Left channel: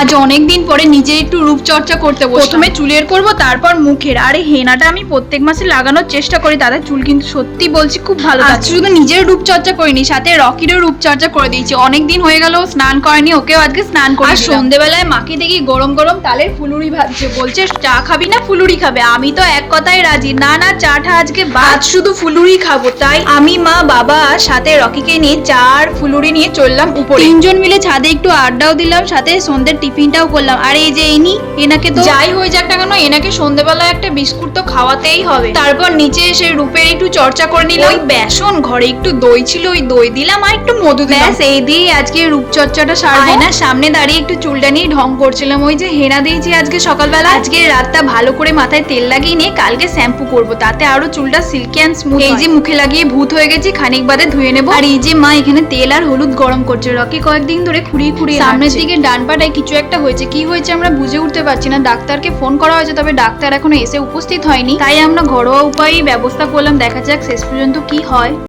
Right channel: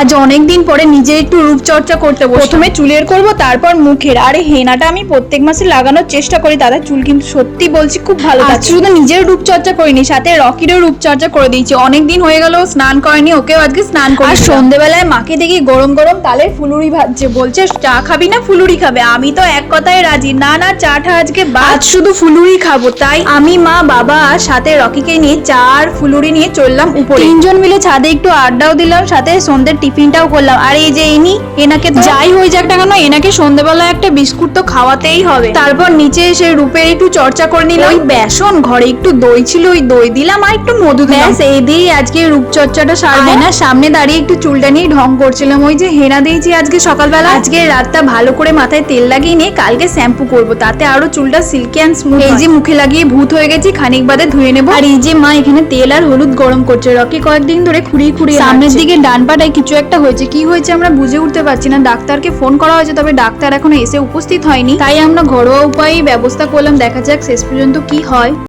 আজ অনেকদিন পরে নিজে একটু রূপচর্চা করতে বসলাম। প্রথমে চুলের করব, তারপর মুখের। আরে হেনাটা আমি প্রত্যেক মাসে লাগানোর চেষ্টা করি, দাদা চুল কিন্তু সত্যি বলছি খুব ভালো থাকে। শুধু নিজের রূপচর্চা করিনি, সাথে রকিরও রূপচর্চা করে দিয়েছি। অনেকদিন হয়ে গেল স্নান করেনি, ওকেও আজকে স্নান করে। আর সন্ধ্যেবেলায় মাকে দেখি গরম গরম তালের ফুলুরি ভাজছে, বলছে চা খাবি না ফুলুরি খাবে। আমি তো এক কথায় রাজি, না না চাটা আজকে বাদ, শুধু ফুলুরি খাবো। তাই আমি, মা, বাবা সাথে রকিকে নিয়ে চা আর ফুলুরি নিয়ে চললাম উপরে। তিনজন মিলে ছাদে একটু আড্ডাও দিলাম, সাথে সন্ধ্যের টিফিনটাও করলাম। আর এই যে এনাকে তো যাই হয়ে যাক না কেন, এনাকে সন্ধ্যেবেলা একটা বিস্কুট তো খাওয়াতেই হবে। তারপর নিচে এসে রূপের একটু চর্চা করে নিলাম। ওই বেসন, ঘরে একটু দই ছিল, ওই দই দিলাম আর একটু মধু দিলাম। এই দিয়ে আজকে রূপচর্চাটা সারবো। না সামনে দাঁড়িয়ে একটু চুলটা নিয়ে ঢং করছিলাম। ওই যে হেনা দিয়েছি আজকে সকালবেলা। আজকে রাতটা ভালো করে মাথায় তেল লাগিয়ে নিয়ে কালকে শ্যাম্পু করব, তাতে আরো চুলটা সিল্কি অ্যান্ড স্মুথ। এই যে মুখে লাগিয়ে ভূত হয়ে গেছি, খানিক বাদে ধুয়ে নেবো। আর এই যে মা এখানে তেল আর হলুদ গরম করছে। রকি কয়েকদিন ধরে খুঁড়িয়ে খুঁড়িয়ে সামনের দিকে ডান পাটায় কিছু একটা হয়েছে, কি হয়েছে আমরা বুঝে উঠতে পারছি না। ডাক্তারকে ফোন করা হয়েছে, তবে ডাক্তার এখনো এসে উপস্থিত হয়নি। তাই আমরা ঘরোয়া উপায়ে ব্যবস্থা করলাম, দেখা যাক শেষ পর্যন্ত কি হয়।